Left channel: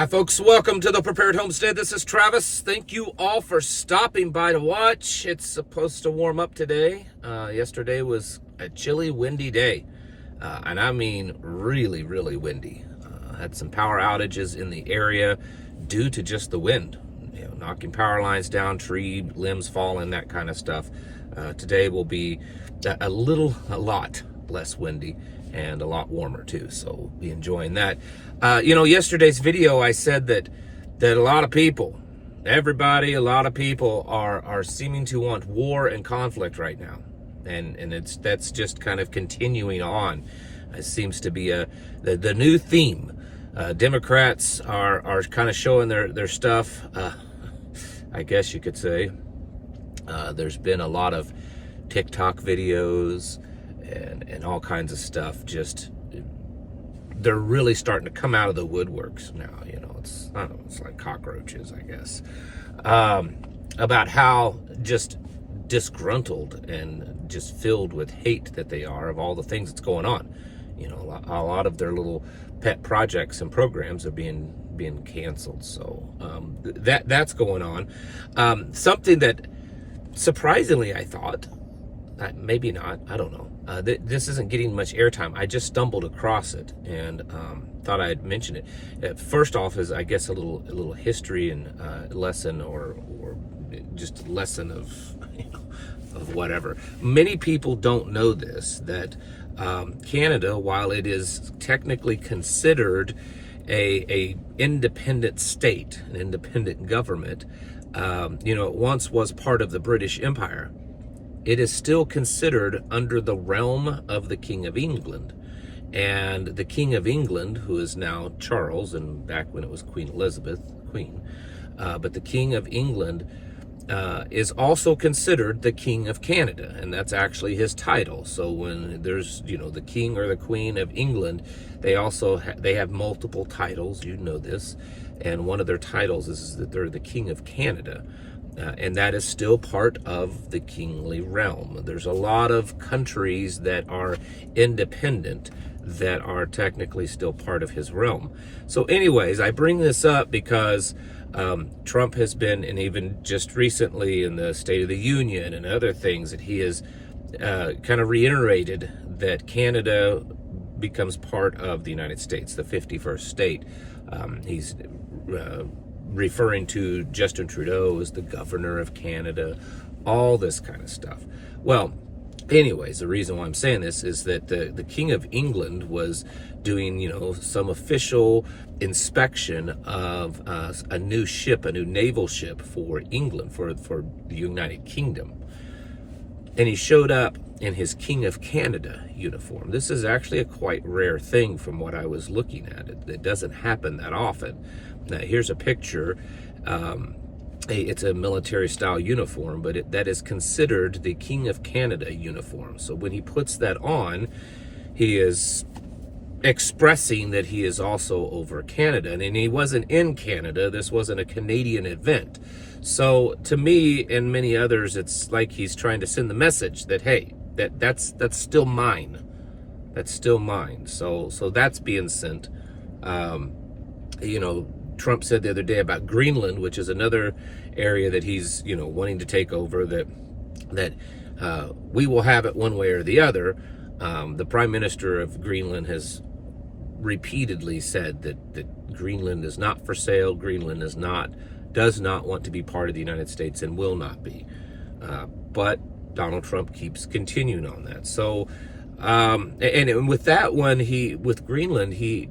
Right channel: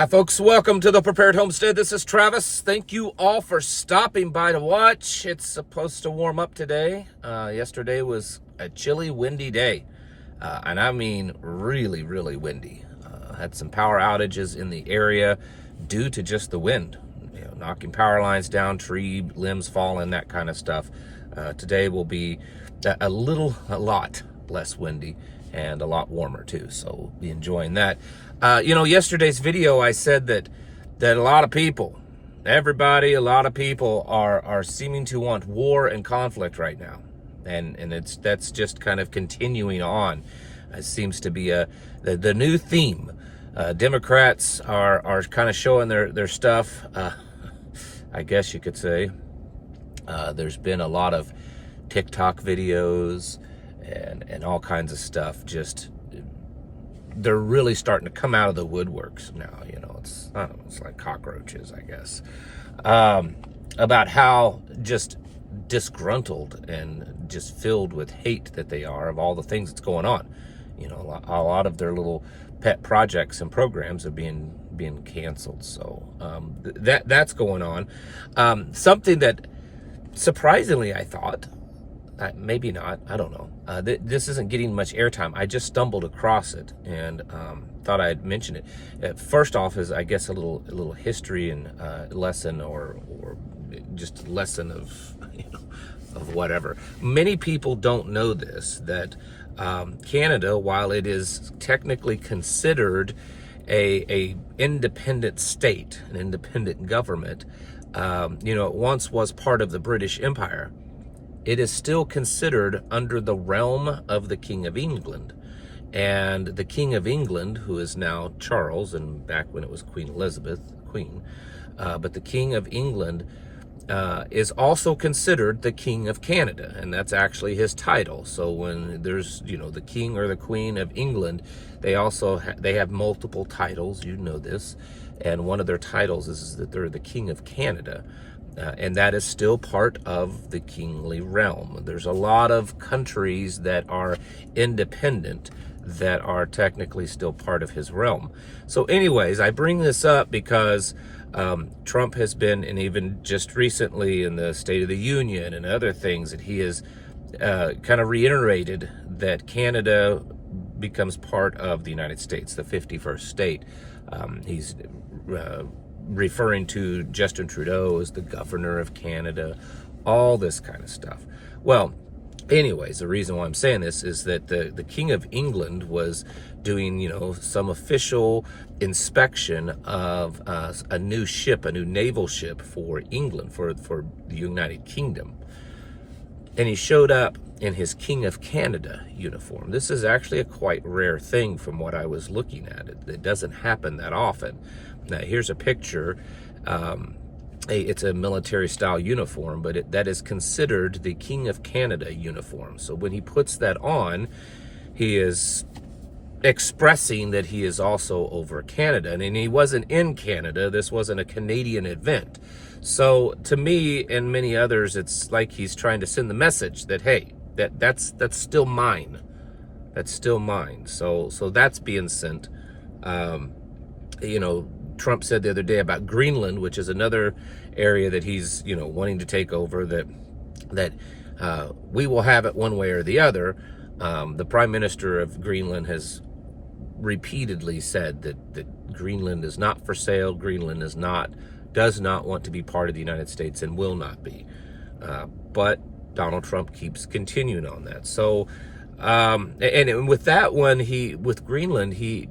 Hi folks, welcome to the Prepared Homestead. This is Travis. Thank you all for stopping by to watch. It's supposed to warm up today. Yesterday was a chilly, windy day. And I mean really, really windy. Had some power outages in the area due to just the wind. You know, knocking power lines down, tree limbs falling, that kind of stuff. Today will be a lot less windy and a lot warmer too, so we'll be enjoying that. Yesterday's video I said that a lot of people, a lot of people are seeming to want war and conflict right now, and that's just kind of continuing on. It seems to be the new theme. Democrats are kind of showing their stuff, I guess you could say. There's been a lot of TikTok videos and all kinds of stuff. Just they're really starting to come out of the woodworks now. It's like cockroaches, I guess, about how just disgruntled and just filled with hate that they are of all the things that's going on. A lot of their little pet projects and programs are being canceled. So that's going on. Something that surprisingly I thought, maybe not, I don't know. This isn't getting much airtime. I just stumbled across it and thought I'd mention it. First off is, I guess, a little history and lesson, or just lesson of whatever. Many people don't know this, that Canada, while it is technically considered a independent state, an independent government, it once was part of the British Empire. It is still considered under the realm of the King of England. And the King of England, who is now Charles, and back when it was Queen Elizabeth, but the King of England is also considered the King of Canada, and that's actually his title. So when there's, the King or the Queen of England, they also they have multiple titles, this, and one of their titles is that they're the King of Canada. And that is still part of the kingly realm. There's a lot of countries that are independent that are technically still part of his realm. So anyways, I bring this up because Trump has been, and even just recently in the State of the Union and other things, that he has kind of reiterated that Canada becomes part of the United States, the 51st state. He's referring to Justin Trudeau as the governor of Canada, all this kind of stuff. Well, anyways, the reason why I'm saying this is that the King of England was doing, some official inspection of a new naval ship for England, for the United Kingdom. And he showed up in his King of Canada uniform. This is actually a quite rare thing from what I was looking at. It doesn't happen that often. Now, here's a picture. It's a military style uniform, but that is considered the King of Canada uniform. So when he puts that on, he is expressing that he is also over Canada. And he wasn't in Canada. This wasn't a Canadian event. So to me and many others, it's like he's trying to send the message that, hey, that's still mine. That's still mine. So that's being sent. Trump said the other day about Greenland, which is another area that he's, wanting to take over, that we will have it one way or the other. The Prime Minister of Greenland has repeatedly said that Greenland is not for sale. Greenland does not want to be part of the United States and will not be. But Donald Trump keeps continuing on that. So, and with that one, with Greenland, he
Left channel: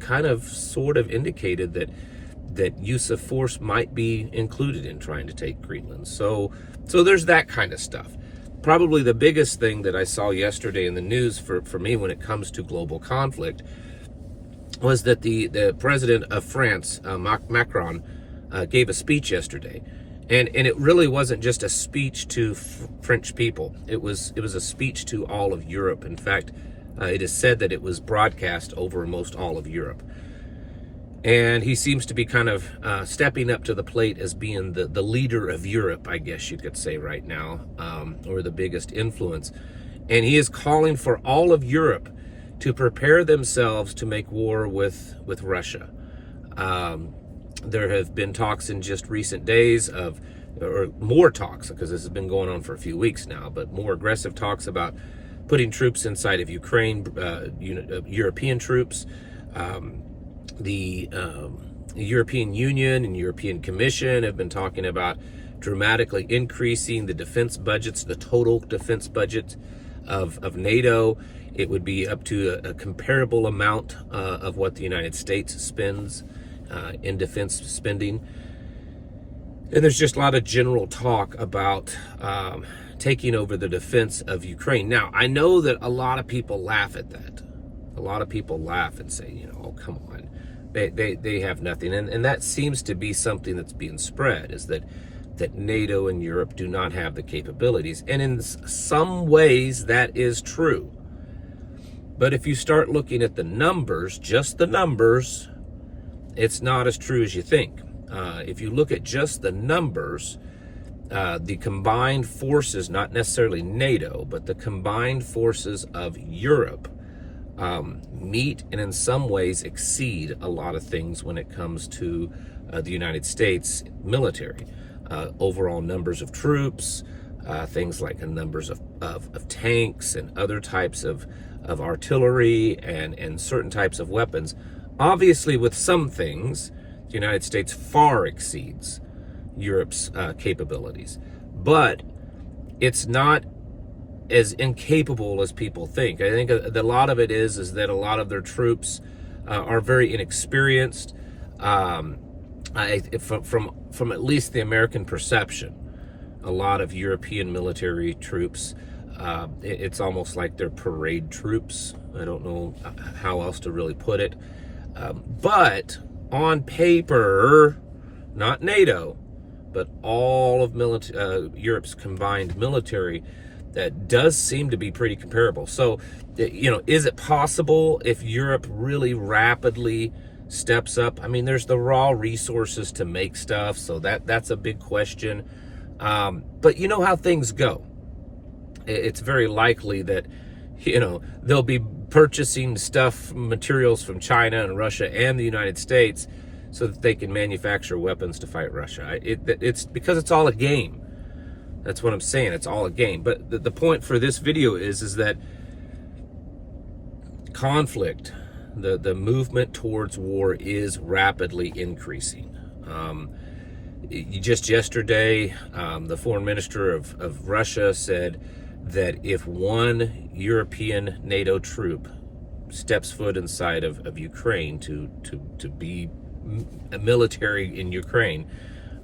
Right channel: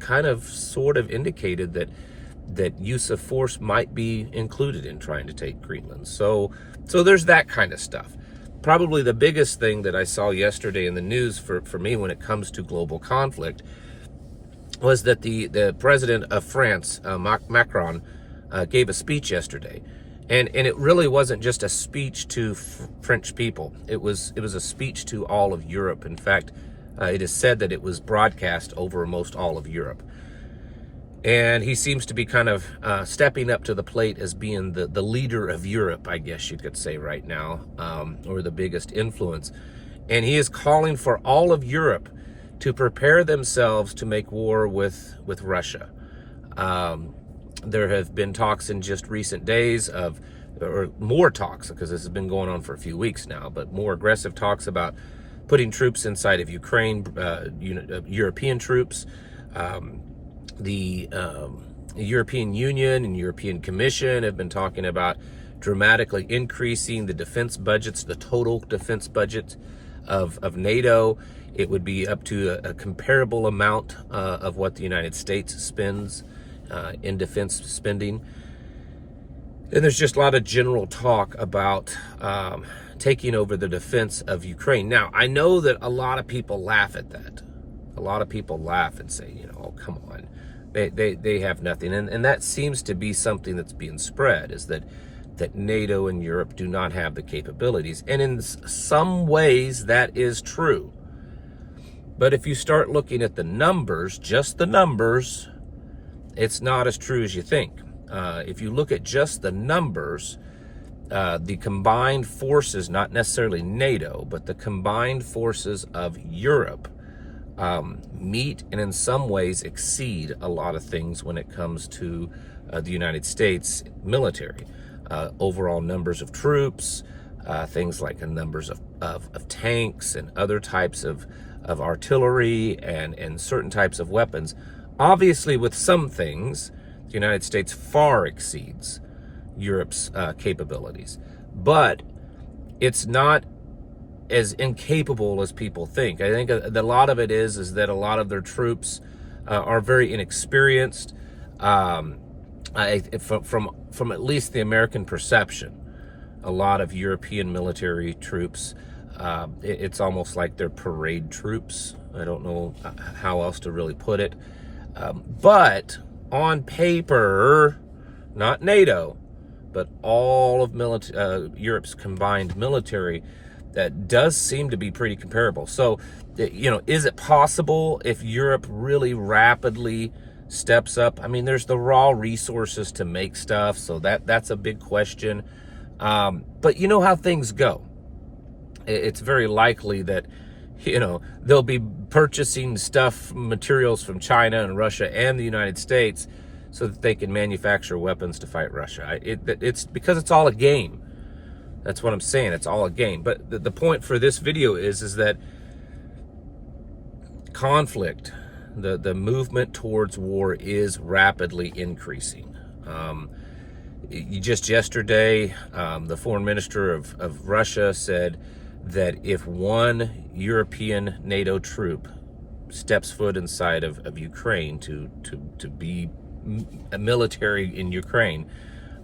kind of sort of indicated that use of force might be included in trying to take Greenland. So there's that kind of stuff. Probably the biggest thing that I saw yesterday in the news for me when it comes to global conflict was that the president of France, Macron, gave a speech yesterday. And it really wasn't just a speech to French people. It was a speech to all of Europe. In fact, it is said that it was broadcast over most all of Europe. And he seems to be kind of stepping up to the plate as being the leader of Europe, I guess you could say right now, or the biggest influence. And he is calling for all of Europe to prepare themselves to make war with Russia. There have been talks in just recent days or more talks, because this has been going on for a few weeks now, but more aggressive talks about putting troops inside of Ukraine, European troops. The European Union and European Commission have been talking about dramatically increasing the defense budgets, the total defense budget of NATO. It would be up to a comparable amount of what the United States spends in defense spending. And there's just a lot of general talk about taking over the defense of Ukraine. Now, I know that a lot of people laugh at that. A lot of people laugh and say, oh, come on. They have nothing. And that seems to be something that's being spread, is that NATO and Europe do not have the capabilities. And in some ways, that is true. But if you start looking at the numbers, just the numbers, it's not as true as you think. If you look at just the numbers, the combined forces, not necessarily NATO, but the combined forces of Europe meet and in some ways exceed a lot of things when it comes to the United States military. Overall numbers of troops, things like numbers of tanks and other types of artillery and certain types of weapons. Obviously, with some things, the United States far exceeds Europe's capabilities. But it's not as incapable as people think. I think a lot of it is that a lot of their troops are very inexperienced. From at least the American perception, a lot of European military troops, it's almost like they're parade troops. I don't know how else to really put it. But on paper, not NATO, but all of Europe's combined military, that does seem to be pretty comparable. So, is it possible if Europe really rapidly steps up? I mean, there's the raw resources to make stuff, so that's a big question. But you know how things go. It's very likely that, they'll be purchasing materials from China and Russia and the United States so that they can manufacture weapons to fight Russia. It's because it's all a game. That's what I'm saying. It's all a game. But the point for this video is that conflict, the movement towards war, is rapidly increasing. Just yesterday, the foreign minister of Russia said that if one European NATO troop steps foot inside of Ukraine to be a military in Ukraine,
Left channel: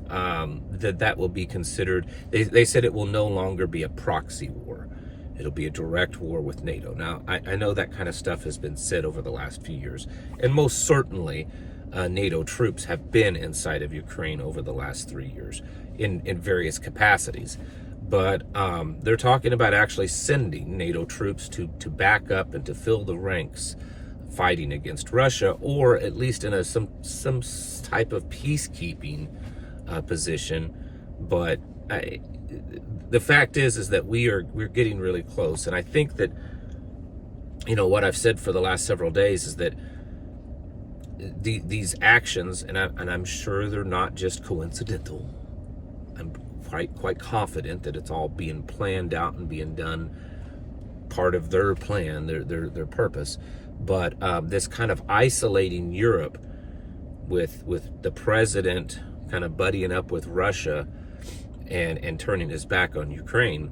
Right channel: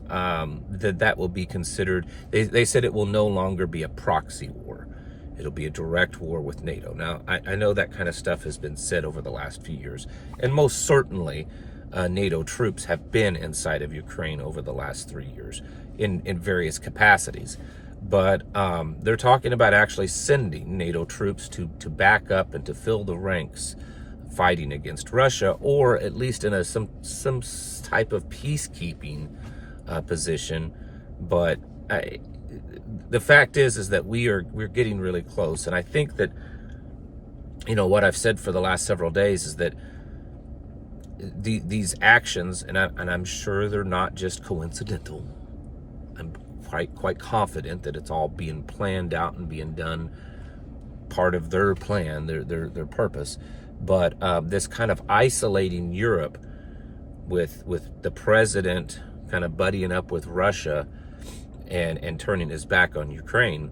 that will be considered, they said it will no longer be a proxy war. It'll be a direct war with NATO. Now, I know that kind of stuff has been said over the last few years, and most certainly NATO troops have been inside of Ukraine over the last 3 years in various capacities. But they're talking about actually sending NATO troops to back up and to fill the ranks fighting against Russia, or at least in some type of peacekeeping position. But the fact is that we're getting really close. And I think that, what I've said for the last several days is that these actions, and I'm sure they're not just coincidental. I'm quite confident that it's all being planned out and being done, part of their plan, their purpose. But this kind of isolating Europe with the president kind of buddying up with Russia and turning his back on Ukraine,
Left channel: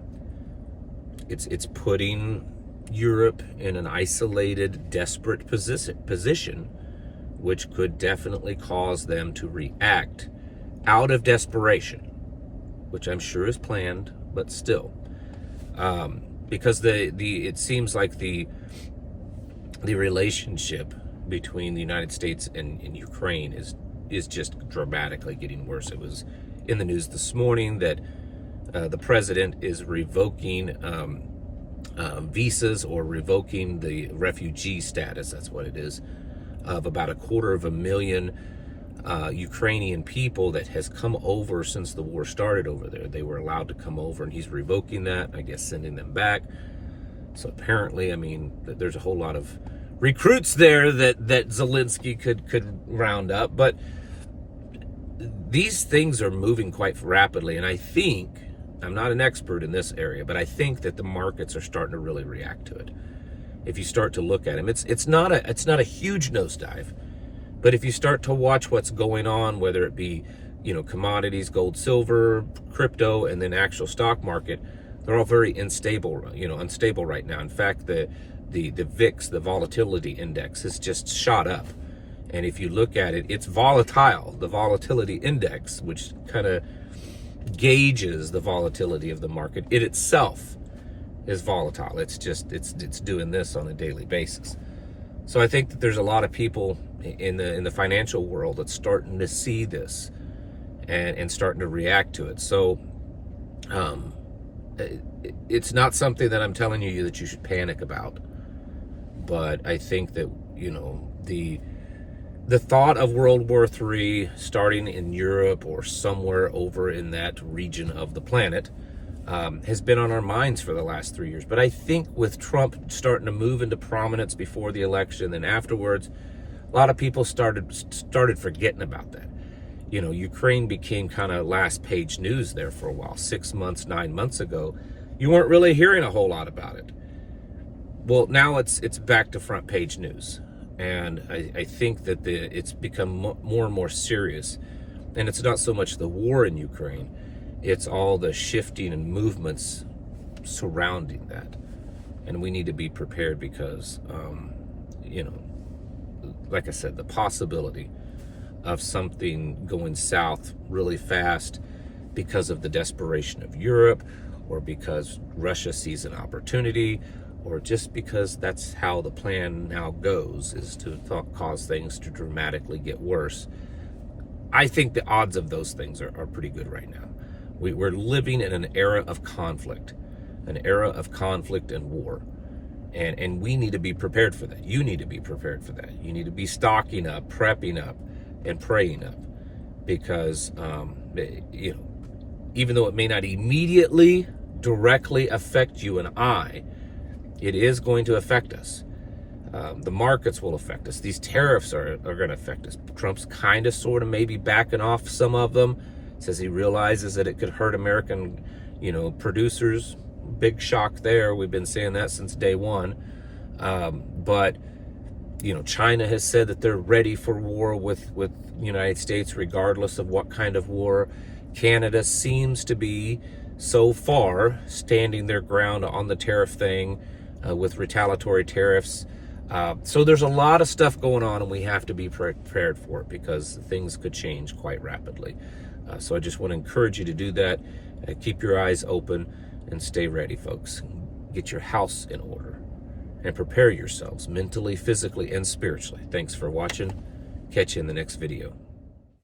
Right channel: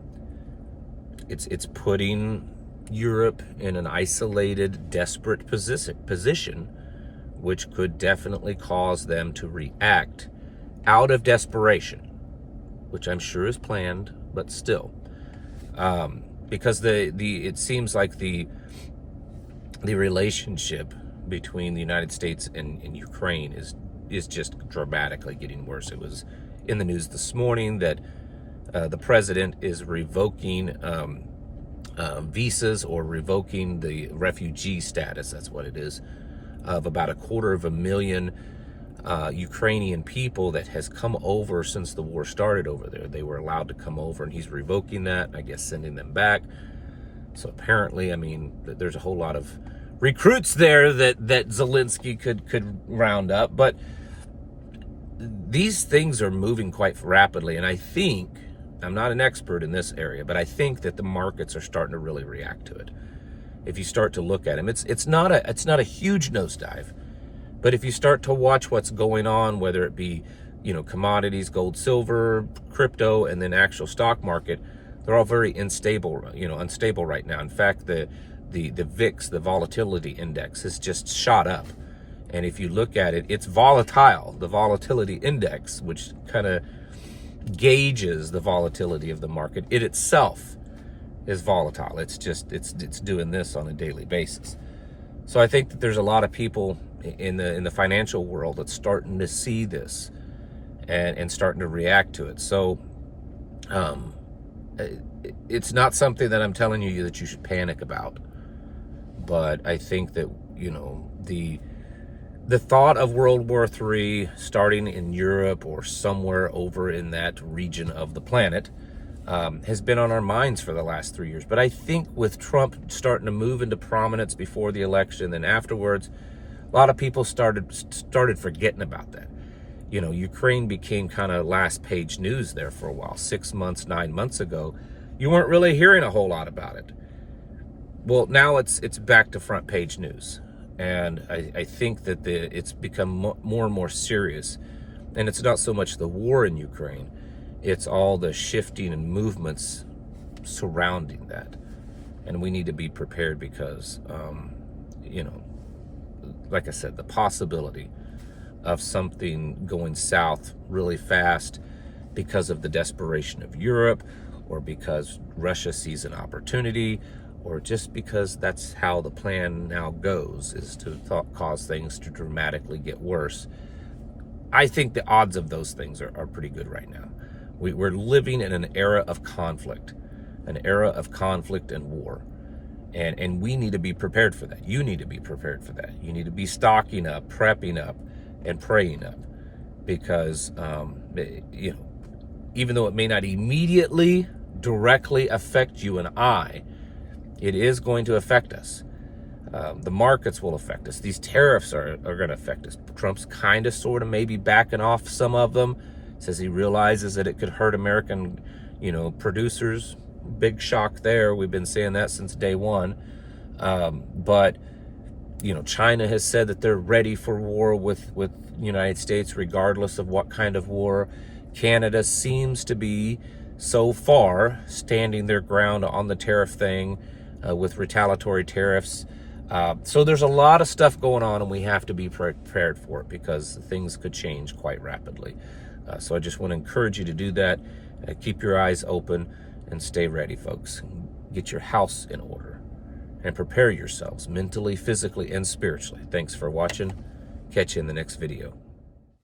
it's putting Europe in an isolated, desperate position, which could definitely cause them to react out of desperation, which I'm sure is planned, but still, because it seems like the relationship between the United States and Ukraine is just dramatically getting worse. It was in the news this morning that the president is revoking visas, or revoking the refugee status, that's what it is, of about 250,000 Ukrainian people that has come over since the war started over there. They were allowed to come over, and he's revoking that, I guess sending them back. So apparently, there's a whole lot of recruits there that Zelensky could round up. But these things are moving quite rapidly, and I think, I'm not an expert in this area, but I think that the markets are starting to really react to it. If you start to look at them, it's not a huge nosedive, but if you start to watch what's going on, whether it be, you know, commodities, gold, silver, crypto, and then actual stock market, they're all very unstable right now. In fact, the VIX, the volatility index, has just shot up. And if you look at it, it's volatile. The volatility index, which kind of gauges the volatility of the market, it itself is volatile. It's doing this on a daily basis. So I think that there's a lot of people in the financial world that's starting to see this and starting to react to it. So it's not something that I'm telling you that you should panic about, but I think that, you know, the thought of World War III starting in Europe or somewhere over in that region of the planet has been on our minds for the last 3 years. But I think with Trump starting to move into prominence before the election and afterwards, a lot of people started forgetting about that. You know, Ukraine became kind of last page news there for a while. 6 months, 9 months ago, you weren't really hearing a whole lot about it. Well, now it's back to front page news. And I think that it's become more and more serious. And it's not so much the war in Ukraine, it's all the shifting and movements surrounding that. And we need to be prepared because, you know, like I said, the possibility of something going south really fast because of the desperation of Europe, or because Russia sees an opportunity, or just because that's how the plan now goes, is to cause things to dramatically get worse. I think the odds of those things are pretty good right now. We're living in an era of conflict, and war. And we need to be prepared for that. You need to be prepared for that. You need to be stocking up, prepping up, and praying up. Because, you know, even though it may not immediately directly affect you and I, it is going to affect us. The markets will affect us. These tariffs are going to affect us. Trump's kind of, sort of, maybe backing off some of them. Says he realizes that it could hurt American, you know, producers. Big shock there. We've been saying that since day one. But, you know, China has said that they're ready for war with the United States, regardless of what kind of war. Canada seems to be, so far, standing their ground on the tariff thing, with retaliatory tariffs. So there's a lot of stuff going on, and we have to be prepared for it because things could change quite rapidly. So I just want to encourage you to do that. Keep your eyes open and stay ready, folks. Get your house in order and prepare yourselves mentally, physically, and spiritually. Thanks for watching. Catch you in the next video.